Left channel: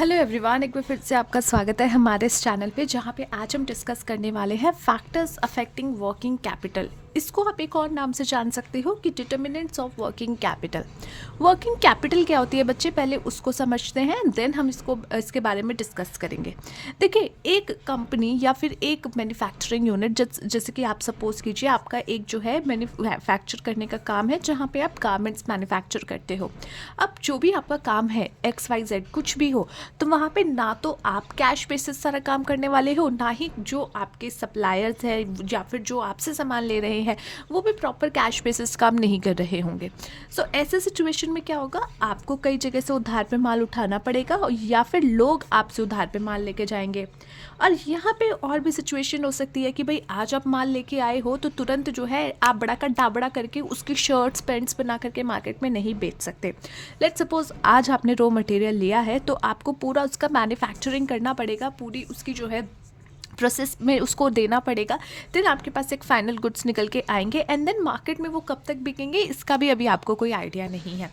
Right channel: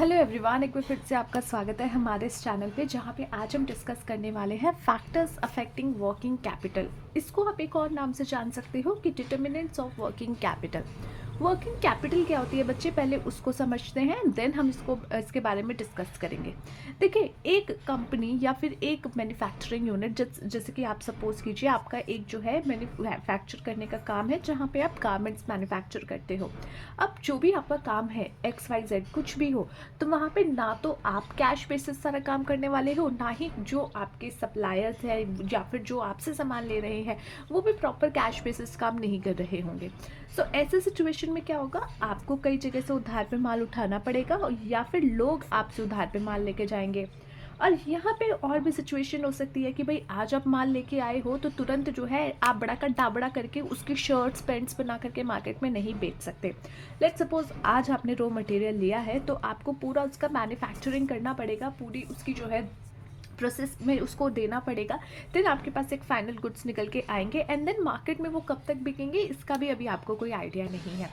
Hello everyone, एक बार फिर से आपका स्वागत है हमारे इस चैनल पे, जहाँ पे आज हम डिस्कस करने वाले हैं फैक्टर्स अफेक्टिंग वर्किंग कैपिटल। इसको आप एक और नाम से जान सकते हो कि determinants of working capital. Working capital क्या होती है बच्चे, पहले उसको समझते हैं, देन हम इसके बारे में डिस्कस करेंगे। देखिए, एक कंपनी या फिर एक मैन्युफैक्चरिंग यूनिट, जैसे कि आप सपोज कीजिए आपका एक जो है मैन्युफैक्चर करने का काम है, जहाँ पे आप गारमेंट्स मैन्युफैक्चर करते हो। अब जो भी आपका काम है XYZ कुछ भी हो, तो वहाँ पे ना तो आप कैश बेसिस सारा काम करने वाले हो, ना ही जो आपके सप्लायर्स हैं या फिर जो आपसे सामान ले रहे हैं वो भी प्रॉपर कैश बेसिस काम नहीं कर रहे होंगे। सो ऐसे सिचुएशन में क्या होगा, आपको कई जगह से उधार पे माल उठाना पड़ेगा या फिर लोग आपसे उधार पे माल लेके जाएंगे। और यहाँ पे और भी सिचुएशन हो सकती है कि भाई आज आप माल लेके आए हो तो तुरंत जो है आप बड़ा का डाबड़ा करके उसकी शर्ट्स पैंट्स बना करके मार्केट में नहीं बेच सकते। लेट्स सपोज आज आपने रॉ मटेरियल लिया है तो आपको पूरा उसका मैन्युफैक्चरिंग करना पड़ेगा, पूरी उसकी जो है प्रोसेस में उसको देना पड़ेगा। देन आपके पास एक फाइनल गुड्स निकल के आएंगे एंड देन मार्केट में वो कब तक बिकेंगे इसका भी अभी आपको कोई आइडिया नहीं है।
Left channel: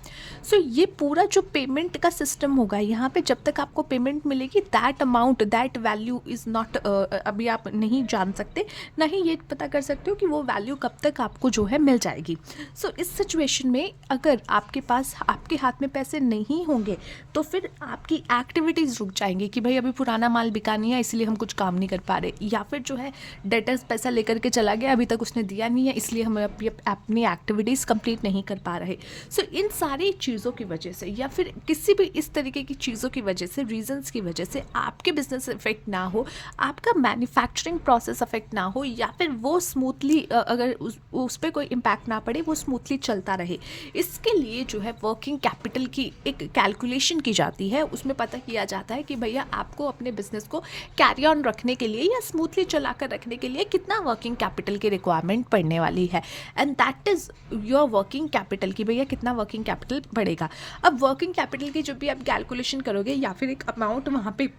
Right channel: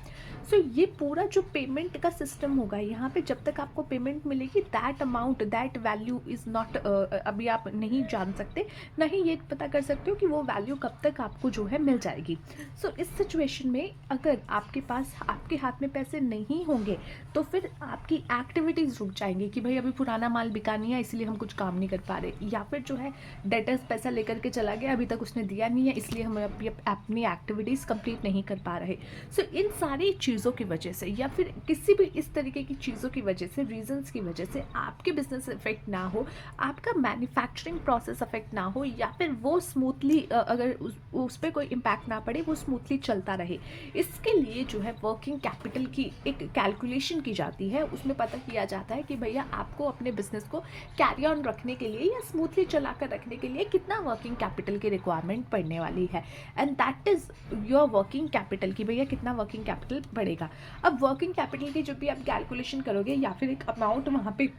सो ये पूरा जो पेमेंट का सिस्टम होगा, यहाँ पे जब तक आपको पेमेंट मिलेगी that amount that value is not, अभी आप नहीं जान सकते, ना ही ये पता कर सकते हो कि वो वैल्यू कब तक आपको जो है मिल जाएगी। सो इस सिचुएशन में अगर आपके पास आपके हाथ में पैसे नहीं होंगे तो फिर आपकी एक्टिविटीज़ रुक जाएंगी कि भाई अभी पुराना माल बिका नहीं है इसलिए हम कुछ काम नहीं कर पा रहे, या फिर जो है डेटर्स पैसा लेकर के चला गया, अभी तक उसने दिया नहीं है इसलिए हम अपनी एक्टिविटीज़ कंप्लीट नहीं कर पा रहे। सो इन सारी चीज़ों की वजह से या फिर किसी भी इस तरीके की चीज़ों की वजह से, रीजंस की वजह से आपके बिजनेस इफेक्ट ना हो, आपका मैन्युफैक्चरिंग प्रोसेस अफेक्ट ना हो, या फिर वो स्मूथली अगर उस पर कोई इम्पैक्ट ना पड़े, वो स्मूथली चलता रहे, इसके लिए जो है वर्किंग कैपिटल की एक कैलकुलेशन की जाती है। उसमें पता किया जाता है कि भैया आपको अपने बिजनेस को कैरी ऑन रखने के लिए या स्मूथली चलाकर रखने के लिए कितना वर्किंग कैपिटल की रिक्वायरमेंट पड़ने वाली है, and that is your working capital कि भैया कितना वर्किंग कैपिटल बढ़ेगा। अब वर्किंग कैपिटल की जब भी आप कैलकुलेशन करोगे या फिर एक अमाउंट वहाँ पे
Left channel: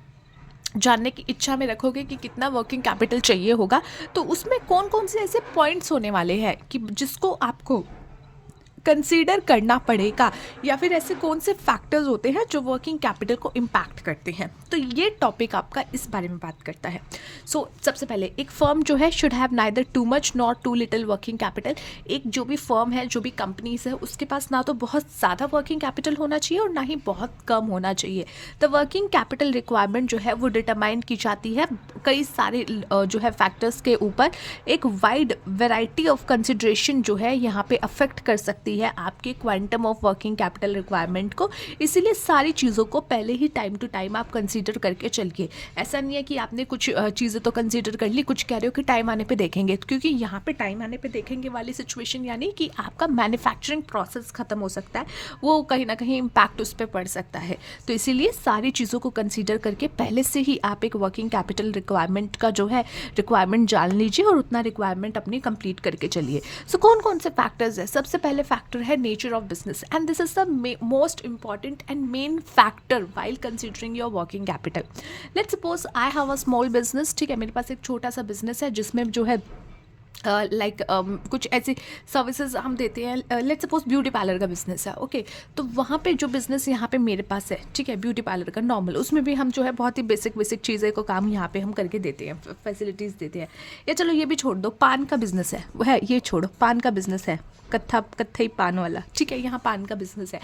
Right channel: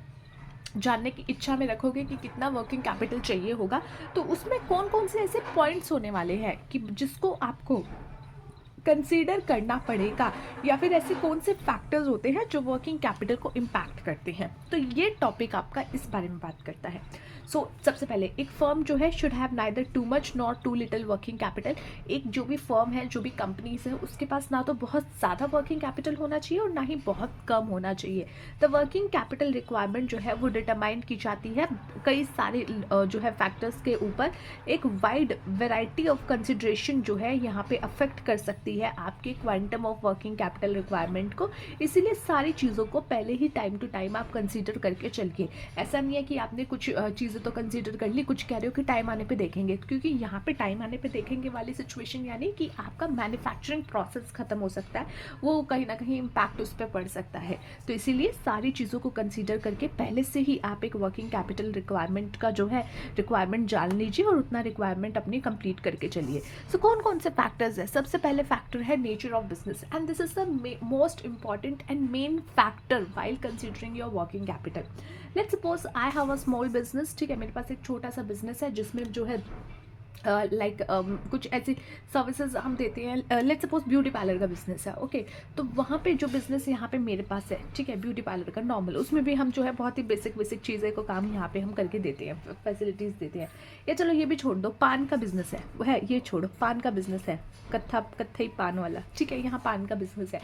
जानने की इच्छा में रखोगे कि कितना वर्किंग कैपिटल चाहिए होगा, तो उसमें कौन कौन से ऐसे पॉइंट्स होने वाले हैं कि जिसको आपको कंसीडर करना पड़ेगा, या फिर ऐसे कौन से फैक्टर्स होते हैं जो वर्किंग कैपिटल को इम्पैक्ट करते हैं। तो ये टॉपिक आपका इस बारे में बात करता है। सबसे पहले एक फर्म जो है should have neither too much nor too little working capital. एक जो भी फर्म है, जो भी कंपनीज है, उसके पास ना तो बहुत ज़्यादा वर्किंग कैपिटल होना चाहिए और ना ही बहुत कम होना चाहिए। द वर्किंग कैपिटल रिक्वायरमेंट जो है वो डिटरमाइन की जाती है कई सारे जो है फैक्टर्स के ऊपर। एक वाइड वेराइटी ऑफ कंसिडरेशन जो है यहाँ पे अफेक्ट कर सकती है आपके quantum of working capital requirement को। इसीलिए सारी चीज़ों को पहले ही टाइम टू टाइम आप कंसीडर करके चलिए। ऐसा नहीं है कि आपने कुछ चीज़ें तो कंसीडर कर ली, कुछ कह रहे हो कि टाइम आने पे देखेंगे, क्योंकि यहाँ पे टाइम आने पे देखेंगे वाली सिचुएशन यानी कि आपका मैन्युफैक्चरिंग प्रोसेस खत्म हो सकता है, वो कहीं ना कहीं इम्पैक्ट उस पर पड़ सकता है। तो इसीलिए सारी चीज़ों को कंसीडर करके पहले से ही आप एक वर्किंग कैपिटल रिक्वायरमेंट का जो है रिक्वायरमेंट जान लीजिए और उतना रिक्वायरमेंट अपनी कंप्लीट करके चलिए। सो कौन कौन से फैक्टर्स है? सबसे पहले फैक्टर है nature of business, and this is the most important and main factor while considering your working capital. Let's suppose I have a small business, ठीक है, मेरे पास एक छोटा सा बिजनेस है जिसमें जो है कुछ ऐसी सर्विसेज हम देते हैं। लेट्स सपोज ब्यूटी पार्लर का बिजनेस है, ओके। तो वहाँ पे जो बिजनेस यहाँ पे मेरे पास है, ठीक है, ब्यूटी पार्लर का नॉर्मल, उसमें भी हम जो है बहुत ही बेसिक चीज़ें को काम यहाँ पे हम करके देते हैं, फैसिलिटीज़ देते हैं। या चलो ये भी छोड़ दो, पान का बिजनेस है, वो है, ये छोड़ो, पान का बिजनेस है, कत्थई पान वाला, ठीक है, यहाँ पान का बिजनेस है।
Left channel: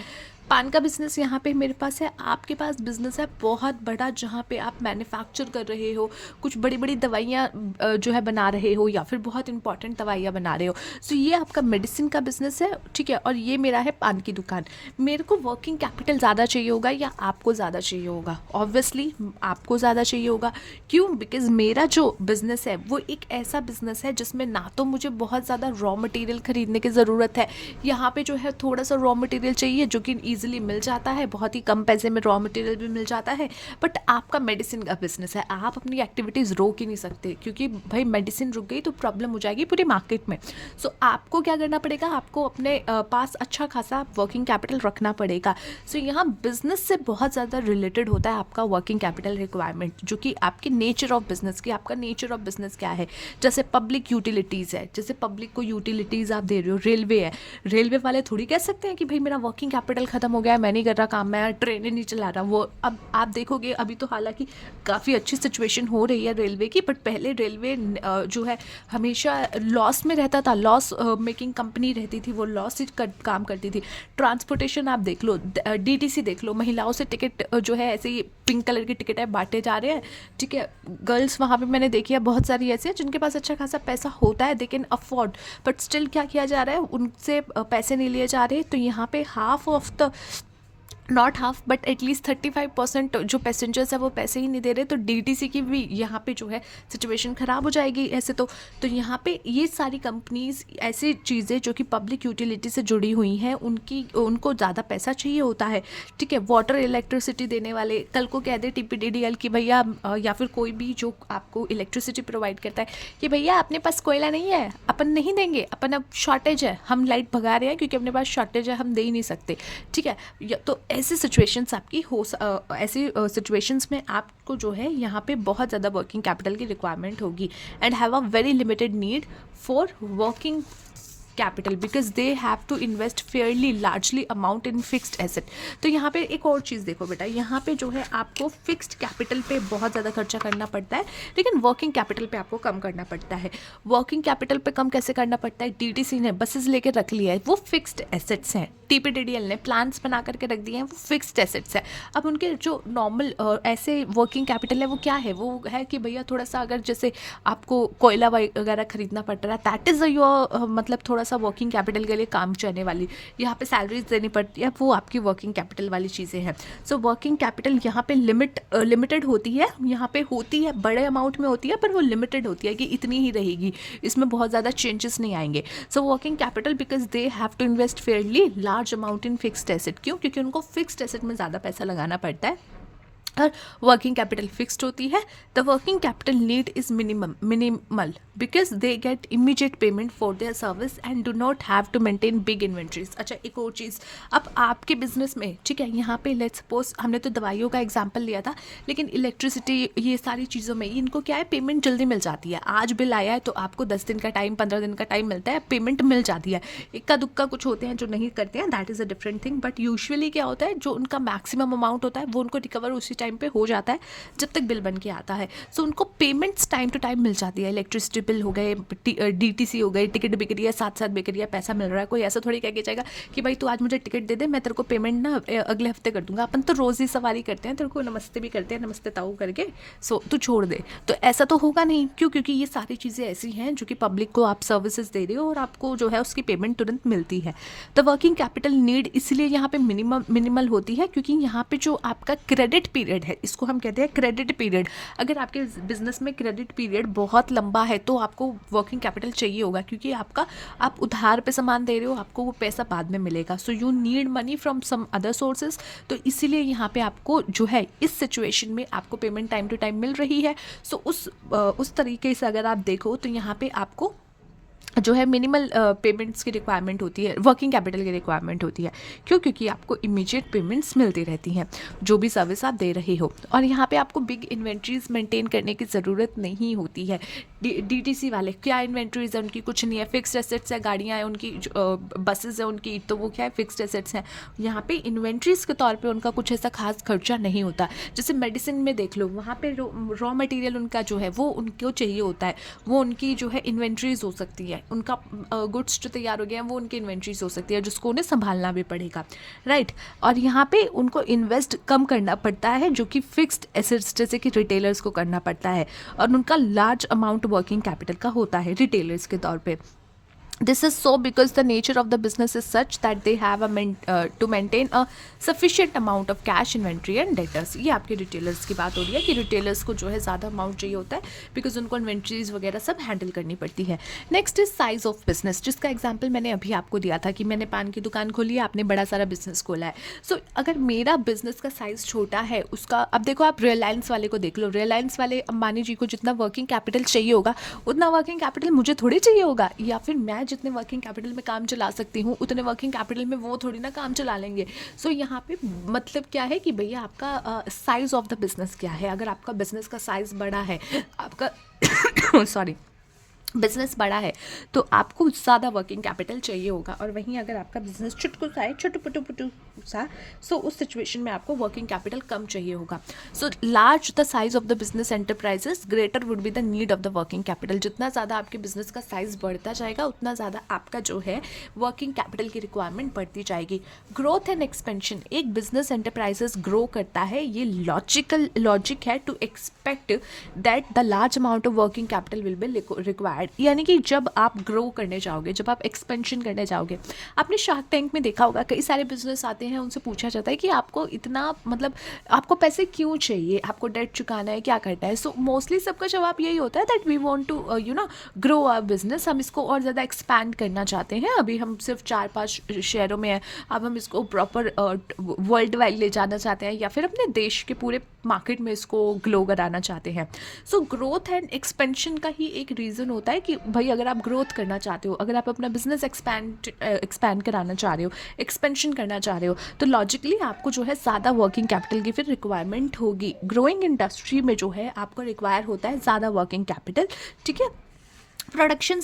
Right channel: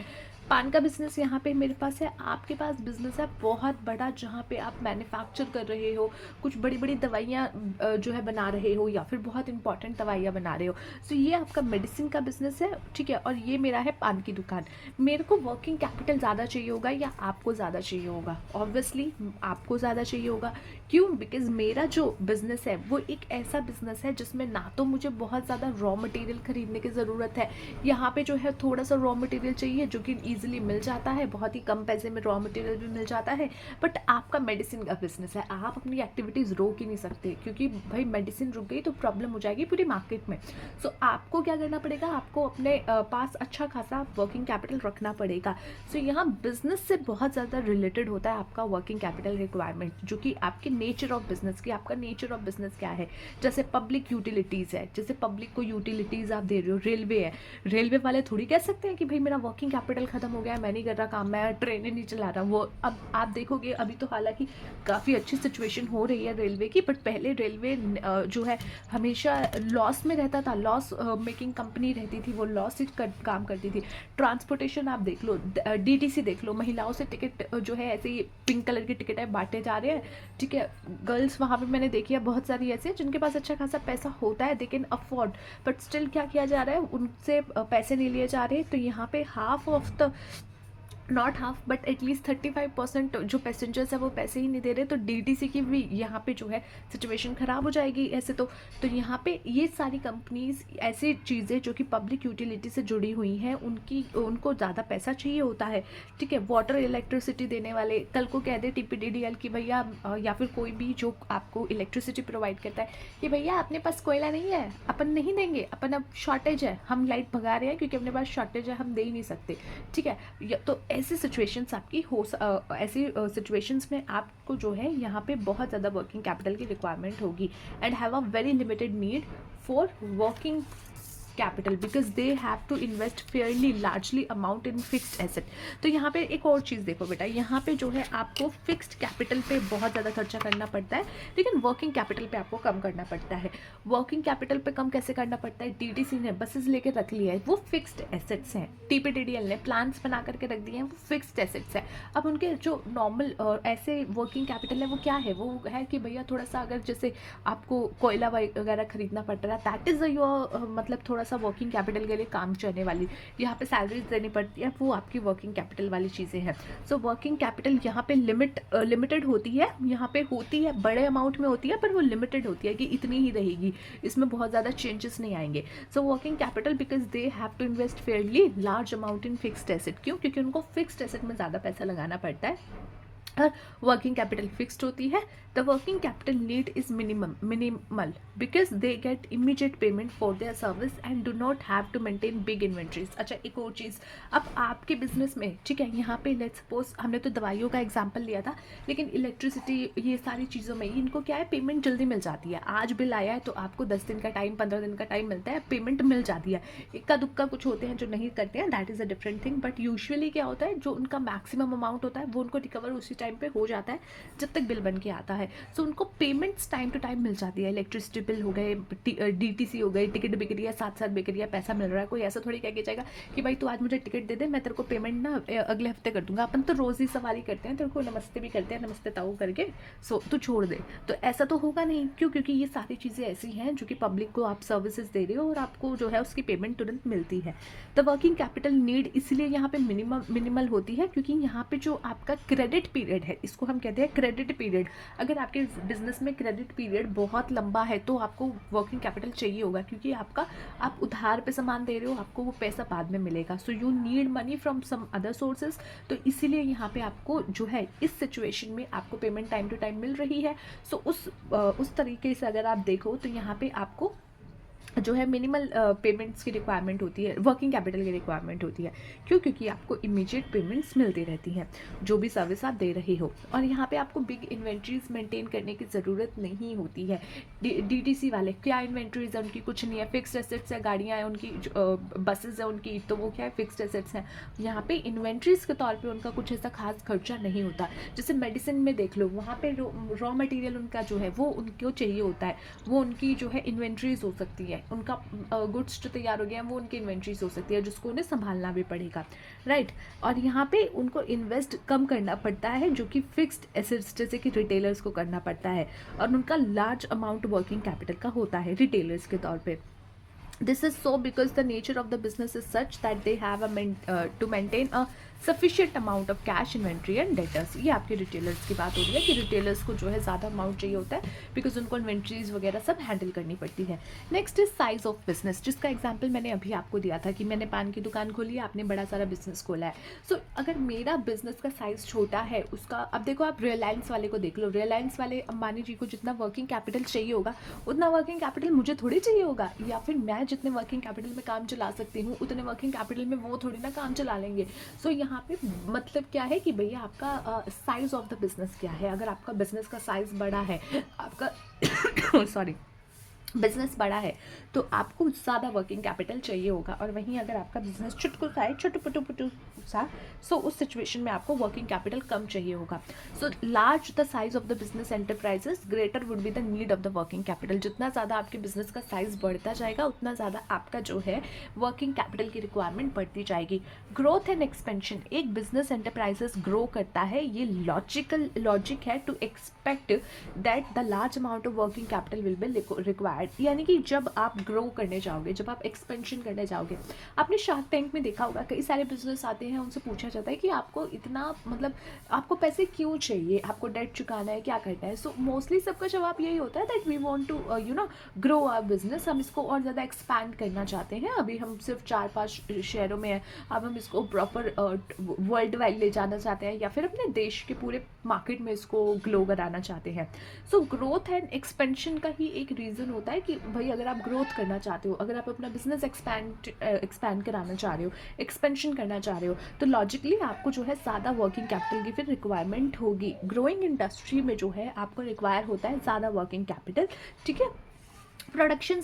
पान का बिजनेस यहाँ पे मेरे पास है, आपके पास बिजनेस है बहुत बड़ा जहाँ पे आप मैन्युफैक्चर कर रहे हो, कुछ बड़ी बड़ी दवाइयाँ जो है बना रहे हो, या फिर बहुत इंपॉर्टेंट दवाइयाँ बना रहे हो। सो ये आपका मेडिसिन का बिजनेस है, ठीक है, और ये मेरा है पान की दुकान। मेरे को वर्किंग कैपिटल ज़्यादा चाहिए होगा या आपको ज़्यादा चाहिए होगा? ऑब्वियसली आपको ज़्यादा चाहिए होगा। क्यों? बिकॉज मेरा जो बिज़नेस है वो एक ऐसा बिज़नेस है जिसमें ना तो मुझे बहुत ज़्यादा रॉ मटेरियल ख़रीदने की ज़रूरत है, यहाँ पे जो है थोड़ा सा रॉ मटेरियल चाहिए जो कि ईजिली मिल जाता है, बहुत ही कम पैसे में रॉ मटेरियल भी मिल जाता है। बट आपका मेडिसिन का बिजनेस है, आप अपनी एक्टिविटीज़ रोक ही नहीं सकते, क्योंकि भाई मेडिसिन रुक गई तो प्रॉब्लम हो जाएगी पूरे मार्केट में। सो आपको क्या करना पड़ेगा, आपको अपने पास अच्छा खासा वर्किंग कैपिटल रखना पड़ेगा। सो यहाँ बिजनेस से बहुत ज़्यादा रिलेटेड होता है आपका वर्किंग कैपिटल रिक्वायरमेंट, जो कि आपके नेचर ऑफ बिजनेस की, आपका नेचर ऑफ बिजनेस क्या है। जैसे पब्लिक यूटिलिटीज़ है, जैसे पब्लिक को यूटिलिटीज़ आप दे रहे हो, रेलवे है, रेलवे वाले थोड़ी कह सकते हैं कि भाई मेरा वर्किंग कैपिटल खत्म ख़त्म हो गया, मैं नहीं कर रहा काम, मैं ट्रेन ही नहीं चला रहा। वो अब आप देखोगे अभी तो हालांकि काफ़ी अच्छी सिचुएशन हो रही है रेलवे की, बट पहले रेलवे जो है हमेशा लॉस में रहता था, लॉस मेकिंग कंपनी रहती थी, वो लॉस से काम करती थी। ट्रांसपोर्टेशन आप देख लो, डीटीसी देख लो, महिलाओं से टिकट जो है ऐसे ही पिंक कलर की टिकट है बांटे जा रहे हैं, ठीक है। गर्ल्स वहाँ पे मैंने देखी है बहुत सारी ऐसी है जिनके पास अच्छा खासा पैसा होता है, they can afford, but still क्या किया जा रहा है, उनसे पैसे नहीं लिए जा रहे। तो यहाँ पे half of the, not half but at least 35% जो पैसेंजर्स है वो पैसे ही नहीं दे रहे। तो डीटीसी की भी यहाँ पे जो है सिचुएशन ख़राब हो जाएगी ऐसे तो यहाँ पे ये सारी कंपनीज ऐसी चीज़ें जो कि पब्लिक यूटिलिटी से जुड़ी हुई हैं, उनको ज़्यादा पैसा चाहिए होता है, ठीक है। वाटर इलेक्ट्रिसिटी देने वाले कल को कह दे टीपीडीडीएल की भैया या फिर कोई भी जो आपको इलेक्ट्रिसिटी प्रोवाइड करता है कि भैया अपने पास कोयला नहीं है, अपन नहीं देंगे, अपन अब शॉर्टेज है, हम लाइट भगा रहे हैं क्योंकि अपने पास शॉर्टेज है, हम दे ही नहीं सकते, ठीक है। तो ऐसी सिचुएशंस आपकी ऐसी सिचुएशंस में आपको जो है यहाँ पे बहुत ज़्यादा वर्किंग कैपिटल की रिक्वायरमेंट होगी and have a very limited need for working capital because they have to invest fairly largely amount in fixed asset. तो यहाँ पे एक और चीज़ देखो बेटा, यहाँ पे जो है आपको फिक्स्ड कैपिटल पे बहुत ज़्यादा खर्चा करना पड़ता है, लेकिन वर्किंग कैपिटल पे आपको कम करना पड़ता है। वर्किंग कैपिटल पे कम कैसे करना पड़ता है, डीटीसी ने बसेस लेकर रख लिया है, वो फिक्स्ड एसेट्स हैं, टीपीडीडीएल ने प्लान्स बना करके रख दिए हैं, वो फिक्स्ड एसेट्स है। अब उनके जो नॉर्मल ऐसे वर्किंग कैपिटल है वो क्या है, वो है कि भैया थोड़ा सा अगर जैसे आपको कोयला वगैरह खरीदना पड़ रहा है, दैट इज़ योर मतलब थोड़ा सा वर्किंग कैपिटल के लिए काम चलने वाली, यहाँ पे सैलरीज देनी पड़ती है, वो आपकी वर्किंग कैपिटल वाली चीज़ें हैं। सो वर्किंग कैपिटल यहाँ पे लिमिटेड होती है, यहाँ पे होती है बड़े अमाउंट में होती है, पर वो लिमिटेड होती है कि इतनी ही रहेगी, इसमें बहुत ज़्यादा चेंजेस नहीं आएंगे। So working capital because they have to invest fairly large amount in fixed asset, क्यों, क्योंकि उनको फिक्स्ड एसेट में ज़्यादा पैसा लगाना पड़ता है और वर्किंग कैपिटल फिक्स्ड होती है। The working capital need is minimal because they get immediate payment for their service and do not have to maintain big inventories. अच्छा एक और चीज़, अब आपके बिजनेस में, ठीक है, यहाँ पे लेट्स सपोज हमने तो दवाइयों का एग्जांपल लिया था, लेकिन इलेक्ट्रिसिटी ये सारी चीज़ों में इनको क्या है, पेमेंट जल्दी मिल जाती है। आज बिल आया है तो आपको 10 दिन का टाइम, 15 दिन का टाइम मिलता है, पेमेंट मिल जाती है। इक्का दुक्का कुछ होते हैं जो नहीं करते हैं, that is a different thing, but usually क्या होता है, जो उनका मैक्सिमम अमाउंट होता है वो उनको रिकवर उसी टाइम पे हो जाता है जब तक बिल बन के आता है। सो उनको पेमेंट्स टाइम टू टाइम मिल जाती है। इलेक्ट्रिसिटी बिल हो गए, डीटीसी हो गई, टिकट बिक रही है, साथ साथ बिक रही है, पैसा मिल रहा है। कोई ऐसा थोड़ी कह के जाएगा कि भाई तू आज मुझे टिकट दे दे, मैं तेरे को पेमेंट ना अगले हफ्ते कर दूंगा। अपन तो रोज़ ही सवारी करते हैं, तेरे को नमस्ते भी करते हैं, नमस्ते ताऊ करके, सो तू छोड़ दे। तो ऐसा तो होगा नहीं, क्यों, क्योंकि ये सारी चीज़ें ऐसी हैं जो कि पब्लिक को आप सर्विसेज दे रहे हो और आपको जो है उसकी पेमेंट तुरंत मिलती है। द वर्किंग कैपिटल नीड इसलिए यहाँ पे मिनिमल होती है क्योंकि यहाँ पे जो आपका क्रेडिट पीरियड है, इसको हम कहते हैं क्रेडिट पीरियड। अगर आपके बिजनेस में क्रेडिट पीरियड बहुत लंबा है तो आपको वर्किंग कैपिटल चाहिए होगा, क्योंकि आप उधार पे सामान दे रहे हो, आपको वो पैसा बाद में मिलेगा। So you need money from some other sources. तो इसीलिए यहाँ पे आपको जो है इस सिचुएशन में आपको पेमेंट टाइम टू टाइम मिल रही है। सो उस तरीके से अगर आप देखो तो यहाँ पे आपको जो है मिनिमल पेमेंट्स की रिक्वायरमेंट होती है, वर्किंग कैपिटल की रिक्वायरमेंट होती है। क्यों, क्योंकि आपको इमीडिएट पेमेंट्स मिलती रहती हैं जो भी सर्विस आप दे रहे हो, और यहाँ पे आपको बिग इन्वेंट्रीज मेंटेन करने की ज़रूरत नहीं होती है। डीटीसी वाले क्या इन्वेंट्रीज है उनकी, कुछ नहीं है, फिक्स्ड एसेट्स है, गाड़ियाँ हैं उनकी, बसेज है उनकी, तो वो क्या है, फिक्स्ड एसेट्स हैं। यहाँ पे इन्वेंट्रीज के तौर पर उनका कुछ ऐसा खास खर्चा नहीं होता। जैसे मेडिसिन में देख लो, वहाँ पे रॉ मटेरियल उनका जो है वो उनको चाहिए होता है, वो उनकी जो है इन्वेंट्रीज हो सकती है, उनका गुड्स जो तैयार हो गए हैं वो उनकी इन्वेंट्रीज हो सकती है जिसको उन्हें संभालना भी पड़ेगा, राइट। और यहाँ पे उनको इन्वेस्ट कम करना पड़ता है जो कि फिक्स्ड एसेट्स जैसे कि रिटेलर्स को करना पड़ता है, और उनका लार्ज अमाउंट वर्किंग कैपिटल का होता है रिटेलर्स के तौर पे। This is so because the nature of the business is such that they have to maintain a sufficient amount of cash inventory and debtors। ये आपके रिटेलर्स की बात हो रही है कि रिटेलर्स को जो है ज़्यादा अमाउंट चाहिए होता है बिकॉज उनको इन्वेंट्रीज वगैरह सब हैंडल करनी पड़ती है। Next is size of business, जिसका एग्जाम्पल मैंने अभी आपको दिया था कि मैंने पान की दुकान खोली है, आपने बड़ा सारा बिजनेस खोला है। सो अगर मेरा बिजनेस का साइज़ छोटा है, उसका अब देखो आप रिलायंस वाले को देख लो, रिलायंस वाले अंबानी जी को जितना वर्किंग कैपिटल चाहिए होगा उतना वर्किंग कैपिटल मुझे थोड़ी चाहिए होगा, या फिर मैं जितने वर्किंग कैपिटल में काम चला सकती हूँ उतने वर्किंग कैपिटल में वो थोड़ी ना काम चला लेंगे। सो यहाँ पे मतलब क्या है कि भैया आपका साइज ऑफ द बिजनेस क्या है। अगर आपका बिजनेस का साइज बड़ा है, आपका सॉरी बिजनेस बड़ा है तो आपको ज़्यादा वर्किंग कैपिटल चाहिए होगा, और वहीं अगर आपका बिजनेस चुटकू सा है, छोटू पुटू पुटू सा, सो उस सिचुएशन में आपको वर्किंग कैपिटल कम चाहिए होगा. So large the size of the business enterprises greater would be the need of the working capital. जितना ज़्यादा आपके बिजनेस का साइज बढ़ता जाएगा उतना ज़्यादा आपका जो है वर्किंग कैपिटल की रिक्वायरमेंट बढ़ती जाएगी. ग्रोथ एंड एक्सपेंशन, एक बिजनेस एंटरप्राइजेस ग्रो करता है, ये लॉजिक है to expect that the large amount of working capital will be required. यानी कि जब आप ग्रो करने जाओगे, जब आप एक्सपेंशन करने जाओगे, आपने शार्क टैंक में देखा होगा कई सारे बिजनेस आते हैं, उनसे पूछा जाता है कि आपको इतना मतलब आपको पैसे क्यों चाहिए, आपको डेट चुकाना है, क्या करना है. सो मोस्टली सबका जवाब यही होता है that we want to grow our business. हम इसको और ज़्यादा एक्सपैंड करना चाहते हैं. अभी हम सिर्फ 4-5 शहरों में हैं, अब हम इसको प्रॉपर वर्ल्ड वाइड ले जाना चाहते हैं, या फिर अपने देश के पूरे मार्केट में इसको ग्लो कराना चाहते हैं. सो ग्रोथ एंड एक्सपेंशन का ही एक रीज़न होता है कि भाई अगर आप ग्रोथ करना चाहते हो, अगर आप अपना बिजनेस एक्सपैंड कराना चाह रहे हो, एक्सपेंशन करना चाह रहे हो, तो लॉजिकली आपको जो है ज़्यादा वर्किंग कैपिटल की फिर रिक्वायरमेंट होगी. ग्रोइंग इंडस्ट्री में जो है आपको रिक्वायर होता है ज़्यादा वर्किंग कैपिटल. ठीक है. Production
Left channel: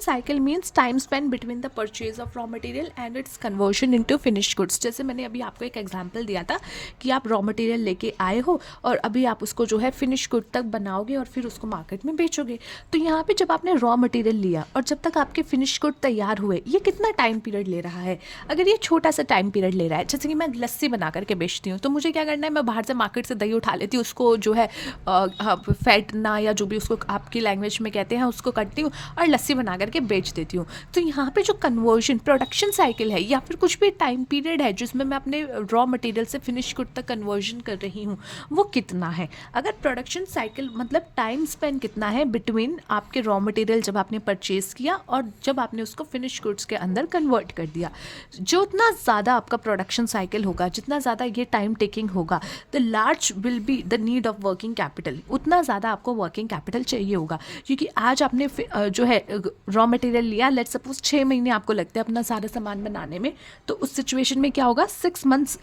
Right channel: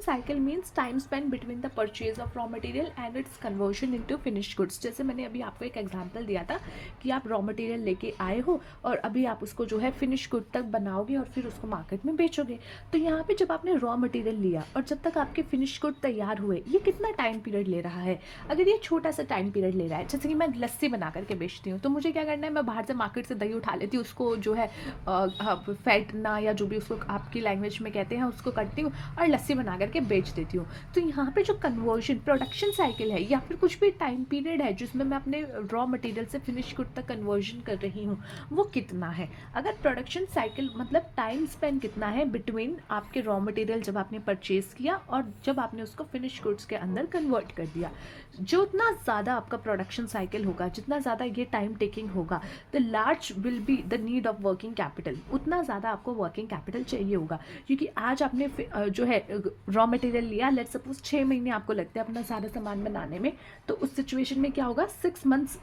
cycle means time spend between the purchase of raw material and it's conversion into finished goods. जैसे मैंने अभी आपको एक एग्जांपल दिया था कि आप रॉ मटेरियल लेके आए हो और अभी आप उसको जो है फिनिश गुड तक बनाओगे और फिर उसको मार्केट में बेचोगे. तो यहाँ पे जब आपने रॉ मटेरियल लिया और जब तक आपके फिनिश गुड तैयार हुए, ये कितना टाइम पीरियड ले रहा है. अगर ये छोटा सा टाइम पीरियड ले रहा है, जैसे कि मैं लस्सी बना करके बेचती हूँ, तो मुझे क्या करना है, मैं बाहर से मार्केट से दही उठा लेती हूँ, उसको जो है फैटना या जो भी उसको आपकी लैंग्वेज में कहते हैं उसको करती हूँ और लस्सी बना करके बेच देती हूँ. तो यहाँ पे जो कन्वर्जन प्रोडक्शन साइकिल है या फिर कुछ भी टाइम पीरियड है जिसमें मैं अपने रॉ मटेरियल से फिनिश गुड तक कन्वर्जन कर रही हूँ, वो कितना है. अगर प्रोडक्शन साइकिल मतलब टाइम स्पेन कितना है बिटवीन आपके रॉ मटेरियल जब आपने परचेज किया और जब आपने उसको फिनिश गुड्स के अंदर कन्वर्ट कर दिया, जो उतना ज़्यादा आपका प्रोडक्शन साइकिल होगा, जितना ज़्यादा ये टाइम टेकिंग होगा, the large will be the need of working capital. उतना ज़्यादा आपको वर्किंग कैपिटल चाहिए होगा. क्योंकि आज आपने जो है रॉ मटेरियल लिया, लेट्स सपोज 6 महीने आपको लगते हैं अपना सारा सामान बनाने में, तो उस सिचुएशन में क्या होगा, 6 मंथ्स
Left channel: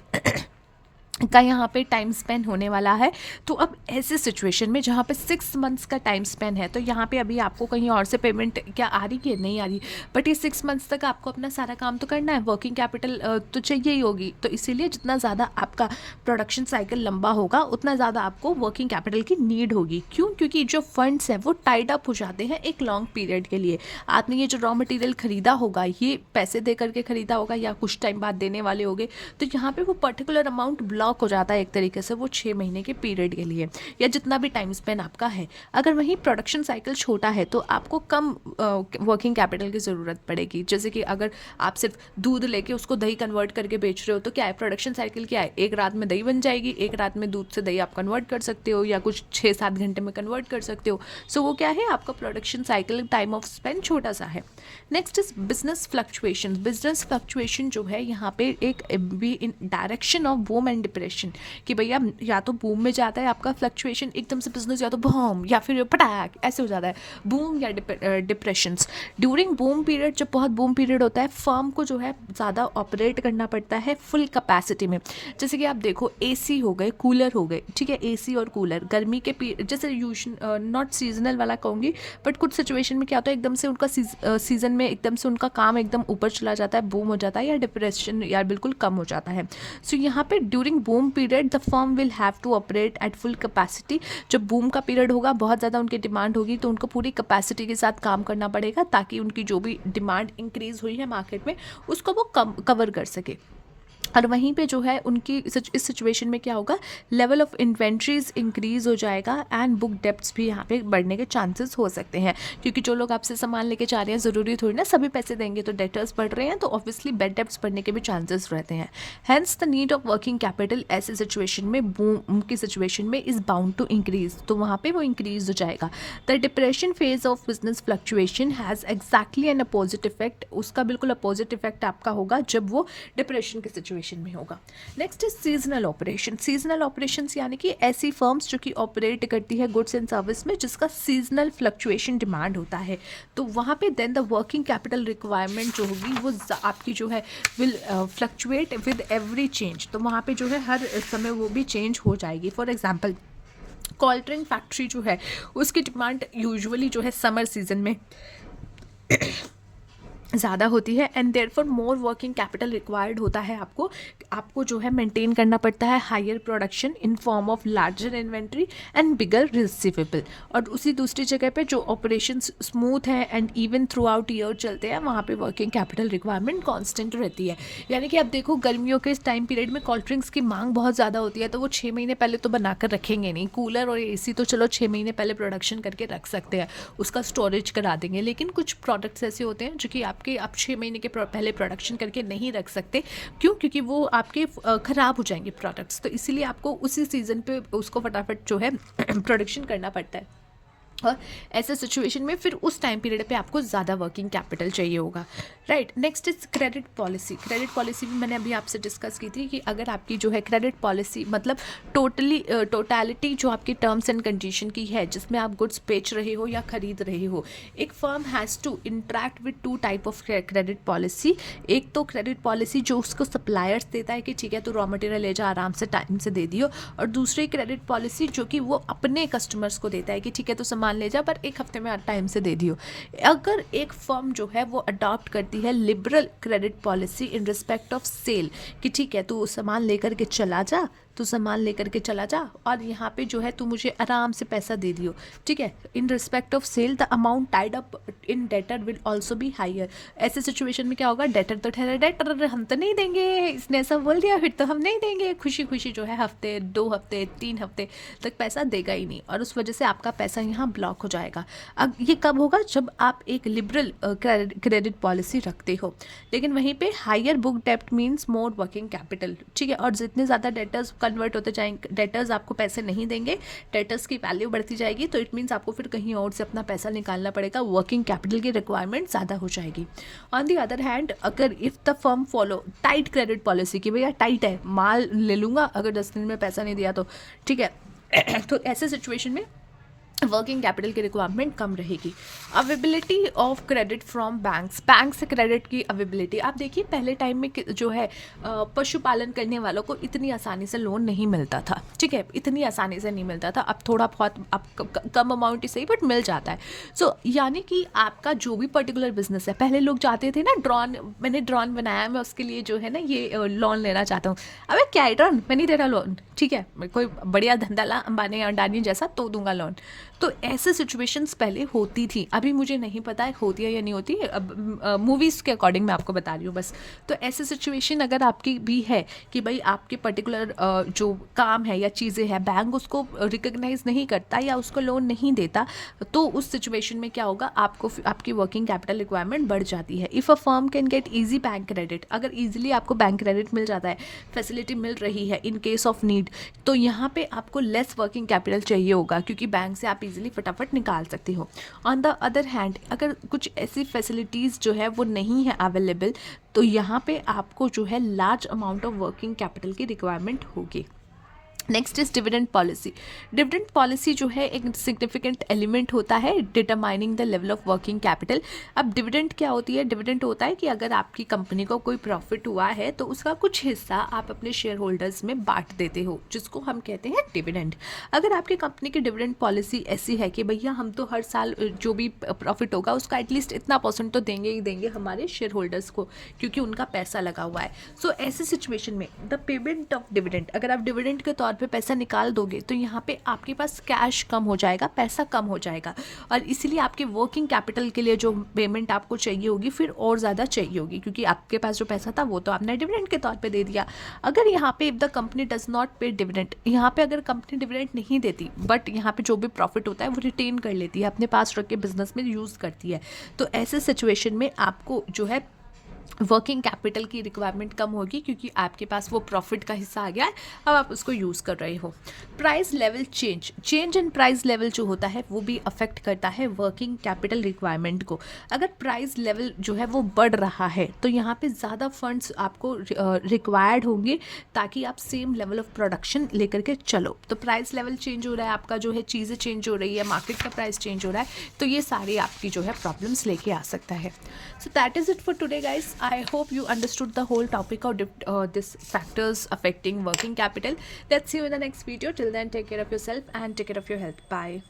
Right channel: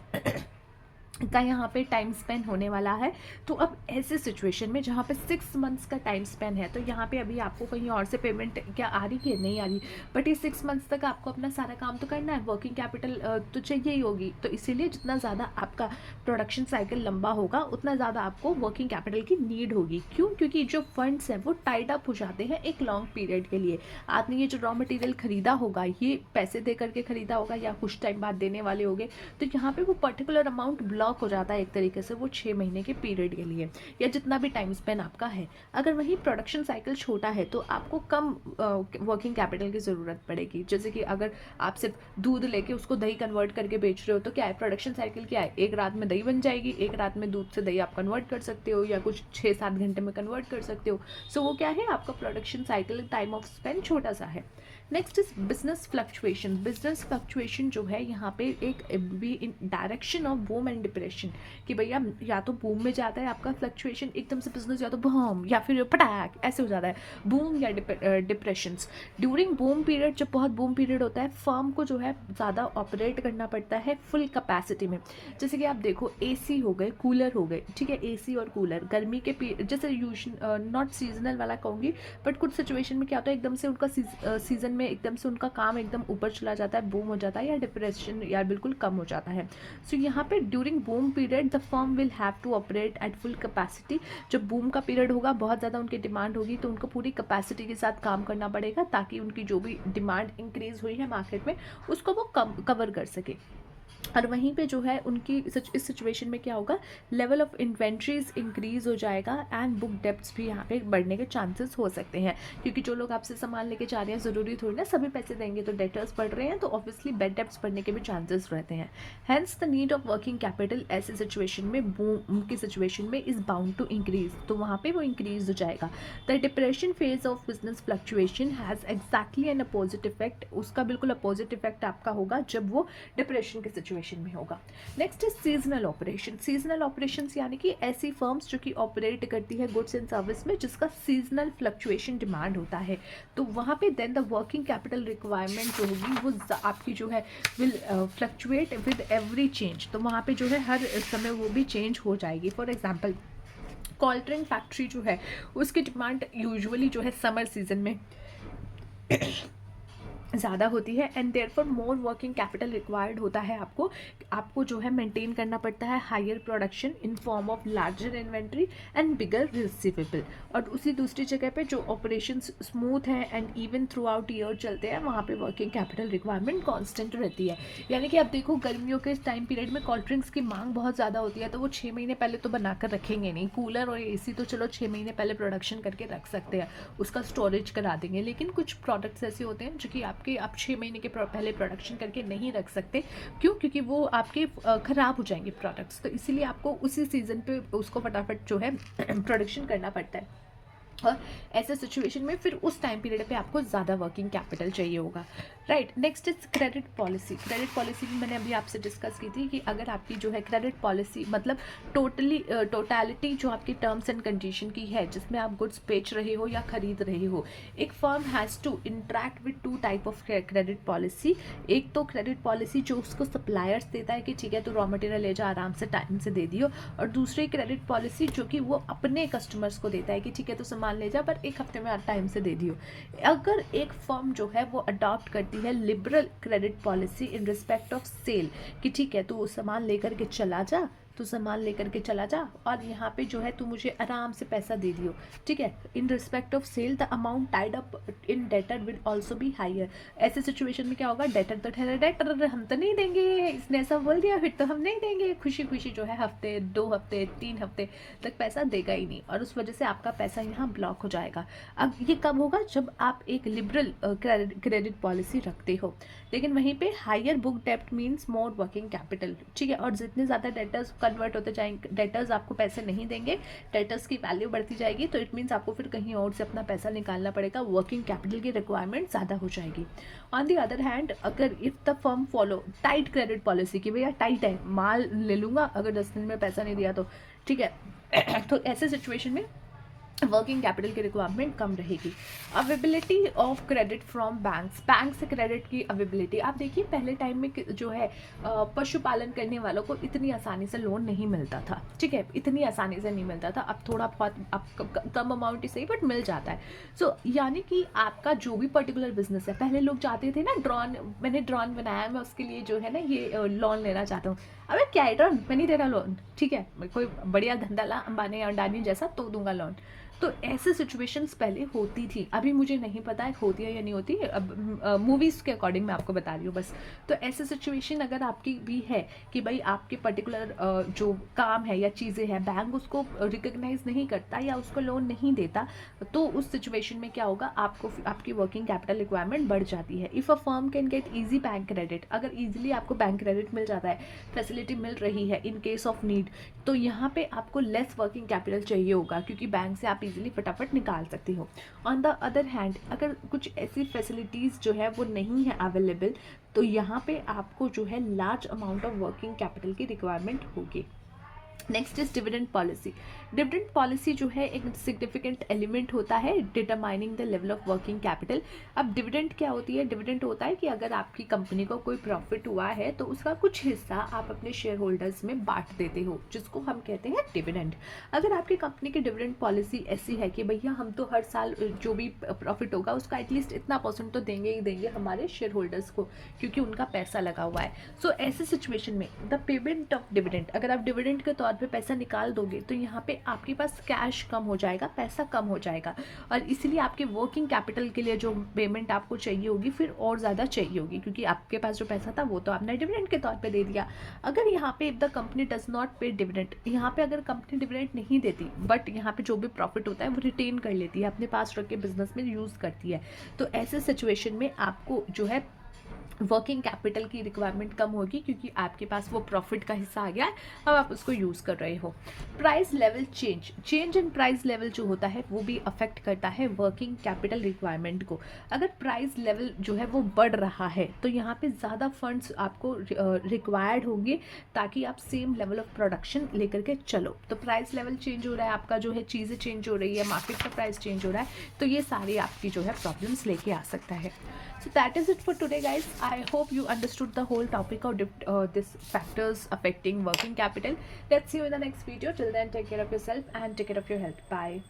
का यहाँ पे टाइम स्पेन होने वाला है. तो अब ऐसे सिचुएशन में जहाँ पे 6 मंथ्स का टाइम स्पेन है, तो यहाँ पे अभी आपको कहीं और से पेमेंट क्या आ रही है, नहीं आ रही, बट ये 6 मंथ्स तक आपको अपना सारा काम तो करना है, वर्किंग कैपिटल तो चाहिए ही होगी. तो इसीलिए जितना ज़्यादा आपका प्रोडक्शन साइकिल लंबा होगा उतना ज़्यादा आपको वर्किंग कैपिटल की नीड होगी. क्यों? क्योंकि जो फंड्स हैं वो टाइड अप हो जाते हैं एक लॉन्ग पीरियड के लिए. आपने ये जो रॉ मटेरियल खरीदा होगा, ये पैसे दे करके खरीदा होगा या कुछ टाइम बाद देने वाले होगे, तो यहाँ पे वो पर्टिकुलर अमाउंट ब्लॉक हो जाता है एक तरीके से वो 6 महीने के पीरियड के लिए या जितना भी टाइम स्पेन आपका है. अगर वहीं प्रोडक्शन साइकिल छोटा है तो आपको कम वर्किंग कैपिटल की ज़रूरत पड़ेगी. जैसे कि अगर आप सिर्फ दूध लेके उसको दही कन्वर्ट करके बेच रहे हो, तो क्या है, प्रोडक्शन साइकिल क्या है, एक रात में दही बन जाएगी, एक रात में दूध से दही आप कन्वर्ट कर सकते हो या कुछ 6-7 घंटे में कन्वर्ट कर सकते हो. सो वो क्या है, आपका production cycle time of Spain छोटा सा है. नेक्स्ट इज बिजनेस फ्लक्चुएशन जो है यहाँ पे एक be in direction of boom and depression, कि भैया या तो बूम में जाता है आपका फ्लक्चुएशन, एकदम से बिजनेस या तो बूम या फिर पटाक ऐसे हो जाता है, बूम या डिप्रेशंस. ड्यूरिंग बूम पीरियड, जब बहुत बूम पीरियड होता है, फर्म को जो है ज़्यादा ऑपरेट करना पड़ता है फुल कैपेसिटी में. जैसे कि आप देखो एसी हो गए, कूलर हो गए, ठीक है, एसी और कूलर गर्मी के जैसे नॉट सीजनल वाला कहूँगी, बट कुछ सिचुएशन में क्या होता है, एकदम से उनका सीजन में एकदम से उनका काम एकदम ऊपर चला जाता है, बूम हो जाता है, या डिप्रेशन या बिल्कुल कम हो जाता है. सो यहाँ पे during boom period the firm will have to operate at full capacity. जब बूम का पीरियड होगा, बहुत ज़्यादा उनकी डिमांड होगी, तो उनको पूरी कैपेसिटी के साथ काम करना पड़ेगा ताकि उनकी जो भी डिमांड इंक्रीज हुई है मार्केट में उसको वो कवर कर सके. और वहीं पे जो है उनकी इस सिचुएशन में क्या होगा, लेवल ऑफ इन्वेंट्रीज इंक्रीज हो जाएगा एंड बुक डेप्ट्स भी यहाँ पे बढ़ने के चांसेस हो सकते हैं. क्योंकि जो लोग आपसे सामान लेके जा रहे हैं, ज़रूरी थोड़ी ना सभी पैसे देंगे, तो डेटर्स बढ़ रहे हैं, तो ऑब्वियसली बेड डेप्ट्स बढ़ने के भी चांसेस रहते हैं. Hence the need of working capital ऐसे सिचुएशन में, बूम की सिचुएशन में, इज़ बाउंड टू इंक्रीज, तो वहाँ पर वो इंक्रीज हो जाएगा. The depression phase of business fluctuation has exactly N opposite effect. उसका बिल्कुल अपोजिट इफेक्ट आपका होगा जब वो डिप्रेशन की सिचुएशन में होगा. नेक्स्ट इज सीजनल ऑपरेशंस, यानी कि ऐसी फर्म्स जो कि ऑपरेट करती है गुड्स एंड सर्विस में जिसका सीजनल फ्लक्चुएशन डिमांड होता है, तो वहाँ पे then the working capital requirement जो होगी वो आपकी जो है will fluctuate with every change. तो वहाँ पे जो है हर समय वो भी चेंज हो जाएगी. For example cold drink factory जो है उसकी डिमांड यूजुअली जो है समर सीजन में ज़्यादा होती है, and therefore more working capital required होता है। आपको जो है मेंटेन करना पड़ता है higher production in form of larger inventory and bigger receivable. और उसी दूसरी जगह पे जो ऑपरेशन स्मूथ है and even throughout year चलते हैं, वहाँ पे वर्किंग कैपिटल रिक्वायरमेंट कांस्टेंट रहती है। यानी कि आप देखो गर्मियों के इस टाइम पीरियड में कोल्ड ड्रिंक्स की मांग बहुत ज़्यादा होती है, तो वो 6 महीने पहले तो बनाकर रखेंगे नहीं। कूलर और एसी तो चलो 6 महीने पहले प्रोडक्शन करके रख सकते हैं, उसका स्टोरेज करा देंगे, लेकिन कुछ प्रोडक्ट्स ऐसे होते हैं जो कि आप 6 महीने के पहले प्रोडक्शन करके नहीं रख सकते। क्यों? क्योंकि वो आपके ख़राब हो जाएंगे प्रोडक्ट्स, तो इसीलिए आपको उसी सीज़न पे उसको फटाफट जो है प्रोडक्शन करना पड़ता है। और ऐसे सिचुएशन में फिर उस टाइम पीरियड पे आपको ज़्यादा वर्किंग कैपिटल चाहिए होगा, right. Next is credit policy. Credit policy भी मैंने अभी आपसे डिस्कस की थी कि अगर आपकी जो है क्रेडिट पॉलिसी मतलब टोटलिटी जो आपकी टर्म्स एंड कंडीशन की है, जिसमें आप गुड्स बेच रहे हो या खरीद रहे हो, एक firm has to interact with 2 type of credit policy. एक तो क्रेडिट पॉलिसी जो उसको सप्लायर्स देता है कि ठीक है तू रॉ मटेरियल ले जा, आराम से टाइम से दे दियो, और दूसरी क्रेडिट पॉलिसी जो कि वो अपने कस्टमर्स को देता है कि ठीक है तो सामान ले जा पर 1 हफ्ते में टाइम से दे दियो। अगर एक फर्म जो है वो अडॉप्ट करती है liberal credit policy in respect of sale कि ठीक है तू सामान लेकर के चला जा, तू सामान लेकर के चला जा और यहाँ पे जो है तू मुझे आराम से पैसा दे दियो, ठीक है। In respect of sale the amount tied up in debtor will also be higher. ऐसे सिचुएशन में क्या होगा, डेटर तो ठहरा डेटर, हम तो नहीं देंगे, इसने ऐसा बोल दिया फिर तो हम नहीं देंगे, खुशी खुशी जो है हफ्ते 2 हफ्ते 3 हफ्ते तक पैसा देगा ही नहीं, और उस वजह से आपका पैसा यहाँ ब्लॉक हो जाएगा। अब ये कब होगा, जब आप एक लिबरल क्रेडिट पॉलिसी रखते हो। लेकिन वहीं पे हायर बुक डेप्ट मीन्स मोर वर्किंग कैपिटल, ठीक है। और जितने ज़्यादा डेटर्स कन्वर्ट होते जाएंगे, डेटर्स आपको पैसे नहीं देंगे, डेटर्स की वैल्यू बढ़ती जाएगी, तो इट मीन्स आपको फिर कहीं और से अपना पैसा निकालना पड़ेगा, वर्किंग कैपिटल की रिक्वायरमेंट ज़्यादा हो जाएगी। ऑन दी अदर हैंड अगर if the firm follow tight credit policy कि भैया टाइट है, माल ले लूँगा अगर 10 दिन में पैसा नहीं दिया तो, ठीक है तो ऐसे सिचुएशन में वर्किंग कैपिटल की रिक्वायरमेंट कम रहेगी। Availability of credit from banks, bank से क्रेडिट की अवेबिलिटी। आप देखिए पहले टाइम में जो है पशुपालन करने वालों को इतनी आसानी से लोन नहीं मिलता था, ठीक है, इतनी आसानी से नहीं मिलता था। अब थोड़ा बहुत आप कम अमाउंट ही सही बट मिल जाता है। सो यानी कि आपका जो भी पर्टिकुलर बिजनेस है, पहले लोग जाते थे ना ड्रॉन, मैंने ड्रॉन बनाया, मैं उसके लिए जो है ना ये लोन लेना चाहता हूँ। अबे क्या है ड्रॉन, मैं नहीं दे रहा लोन, ठीक है, कोई बढ़िया धंधा ला अंबानी अडानी जैसा तो दूंगा लोन। तो ऐसे सिचुएशंस पहले होती थी, अभी मुझे नहीं पता है होती है या नहीं होती, अब मूवीज़ के अकॉर्डिंग मैं आपको बता रही हूँ बस। तो ऐसे सिचुएशन अगर आपकी भी है कि भाई आपके पर्टिकुलर जो काम है या चीज़ें हैं, बैंक उसको रिकग्नाइज नहीं करता या उसको लोन नहीं देता, तो उस सिचुएशन में क्या होगा, आपको आपकी वर्किंग कैपिटल रिक्वायरमेंट बढ़ जाती है। If a firm can get easy bank credit, अगर ईजिली आपको बैंक क्रेडिट मिल जाता है, फैसिलिटी मिल रही है इन केस ऑफ नीड, तो यहाँ पे आपको लेस वर्किंग कैपिटल चाहिए होगा, क्योंकि बैंक से आप इजीली फटाफट निकाल सकते हो। ऑन द अदर हैंड अगर कुछ ऐसी फैसिलिटीज़ जो है वो नहीं है अवेलेबल, तो यहाँ पे आपको जो है large amount of working capital की रिक्वायरमेंट होगी। Next is dividend policy. Dividend policy जो है एक सिग्निफिकेंट एलिमेंट होता है determining the level of working capital. अब डिविडेंड क्या होती है, डिविडेंड होता है कि अगर आपकी कंपनी को कोई प्रॉफिट हुआ है तो उसका कुछ हिस्सा आप अपने शेयर होल्डर्स में बांट देते हो, जिसको हम कहते हैं डिविडेंड। अगर आपकी कंपनी की डिविडेंड पॉलिसी ऐसी है कि भैया हम तो हर साल जो भी प्रॉफिट होगा उसका एटलीस्ट इतना % तो देंगे ही देंगे हमारे शेयर होल्डर्स को, क्योंकि उनका पैसा लगा हुआ है। सो ऐसे सिचुएशन में द पेमेंट ऑफ डिविडेंड, अगर आप डिविडेंड के तौर पे पैसा निकाल दोगे तो यहाँ पे आपके पास कैश कम हो जाएगा, पैसा कम हो जाएगा, और इसीलिए आपके वर्किंग कैपिटल के लिए जो पेमेंट आपको चाहिए होगी फिर और ज़्यादा चाहिए होगी, क्योंकि आपके पास जो पैसा था वो तो आपने डिविडेंड के तौर पे दे दिया। अगर यहाँ पे if the company does not पे डिविडेंड, यहाँ पे अगर कंपनी डिविडेंड नहीं देती बट यहाँ पे जो भी प्रॉफिट होता है वो रिटेन कर लेती है, अपने पास रख के बिजनेस में यूज़ करती है, तो ऐसे सिचुएशन में आपको जो है वर्किंग कैपिटल की रिक्वायरमेंट कम होगी, क्योंकि आपके पास वो प्रॉफिट का हिस्सा आ गया है, अब आप उसको यूज़ कर रहे हो। Price level change in price level जो होता है वो भी अफेक्ट करता है वर्किंग कैपिटल रिक्वायरमेंट को। अगर प्राइस लेवल जो है वो बढ़ रहा है तो यहाँ पे ज़्यादा फंड्स आपको रिक्वायर्ड होंगे ताकि आप सेम लेवल ऑफ प्रोडक्शन लेकर के चलो। तो प्राइस लेवल चेंज हो रहा है, आपका जो है चीज़ें चेंज हो रही है, मार्केट का प्राइस चेंज हो रहा है, तो ये सारी आपकी जो है प्रॉब्लम्स लेके आ सकता है। So that is it for today guys. I hope you understood the whole topic of this factors affecting working capital. Let's see you in the next video. Till then, take care of yourself and take care of your health. Bye.